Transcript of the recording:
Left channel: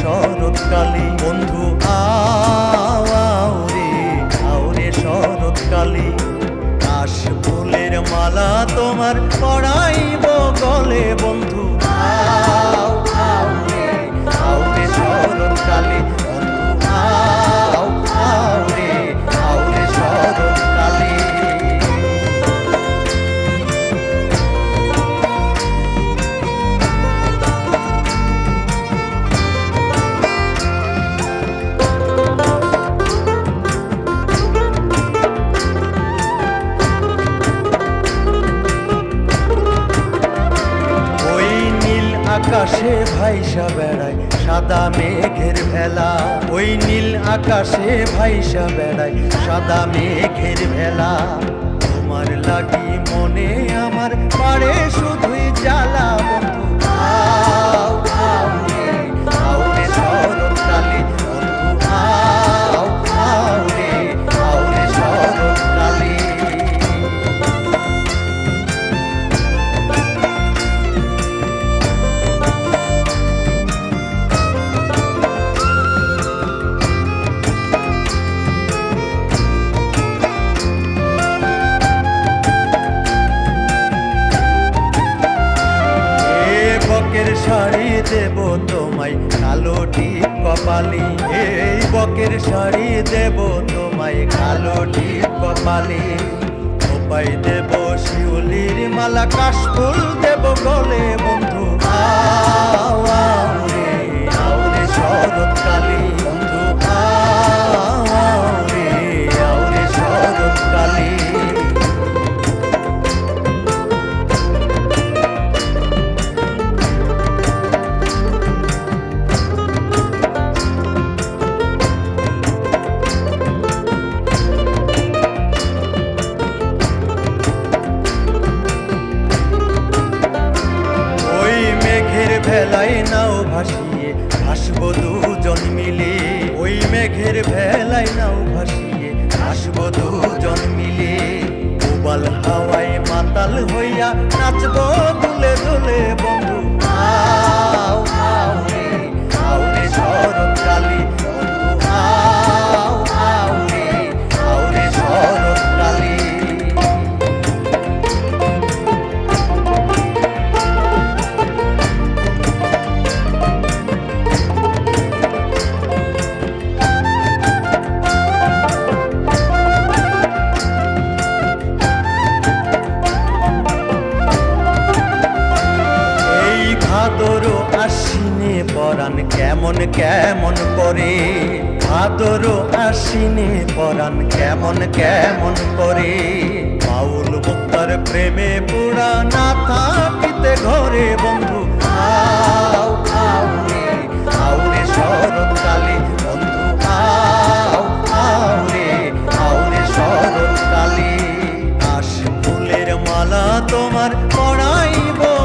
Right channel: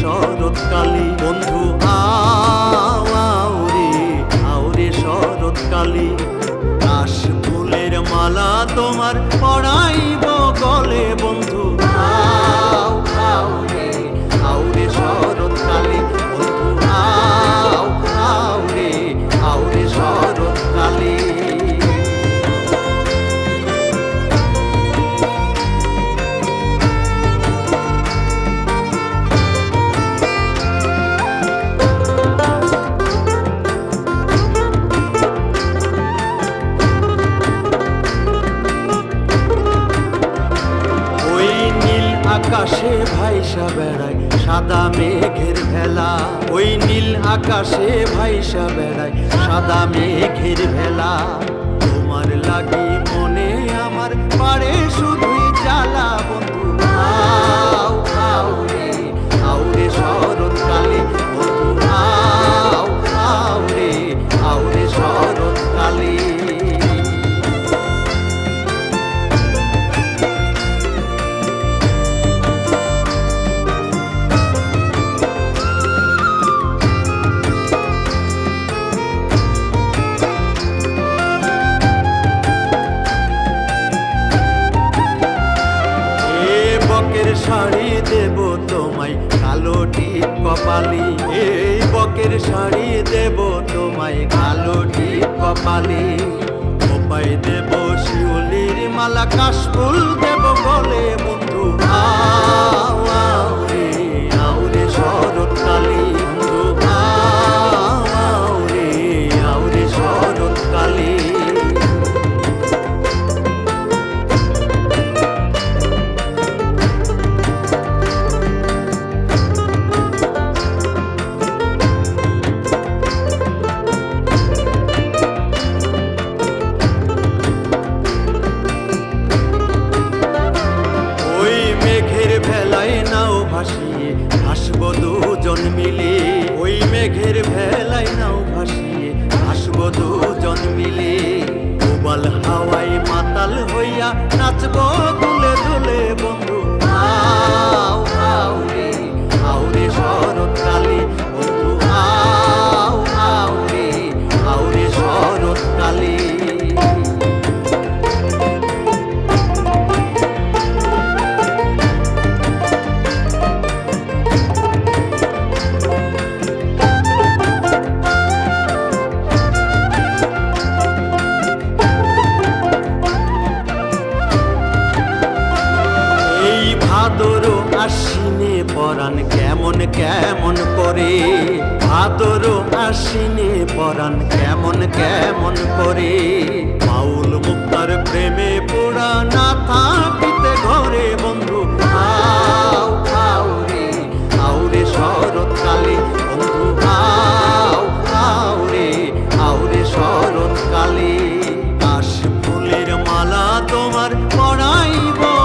শরৎকালী বন্ধু আউরে আউরে শরৎকালী। কাশ ফুলের মালা তোমার পড়াইব গলে বন্ধু আকাশে ভাইসা বেড়ায়, সাদা মেঘের ভেলা। ওই নীল আকাশে ভাইসা বেড়ায়, সাদা মেঘের ভেলা। তোমার লাগি মনে আমার বকের শাড়ি দেব তোমায়, কালো টিপ কপালি, এই বকের শাড়ি দেব তোমায়, কালো টিপ কপালি। খোপাই দেব শিউলির মালা, কাশফুল দেব বলে বন্ধু, আও ভেলায় নাও ভাসিয়ে হাসব দুজন মিলে। ওই মেঘের ভেলায় নাও ভাসিয়ে হাসব দুজন মিলে। কোবাল হাওয়ায় মাতাল হইয়া নাচব দুলে দুলে বন্ধু। ভাদর আশ্বিনে পরাণ কেমন কেমন করে? ভাদর আশ্বিনে পরাণ কেমন কেমন করে? বাউল মুক্তার প্রেমে পুরা না থাকিতে ঘরে বন্ধু। আও আও রে আও রে শরৎকালে, বন্ধু, আও আও রে আও রে শরৎকালে। আশ ফুলের মালা তোমার পড়াইব।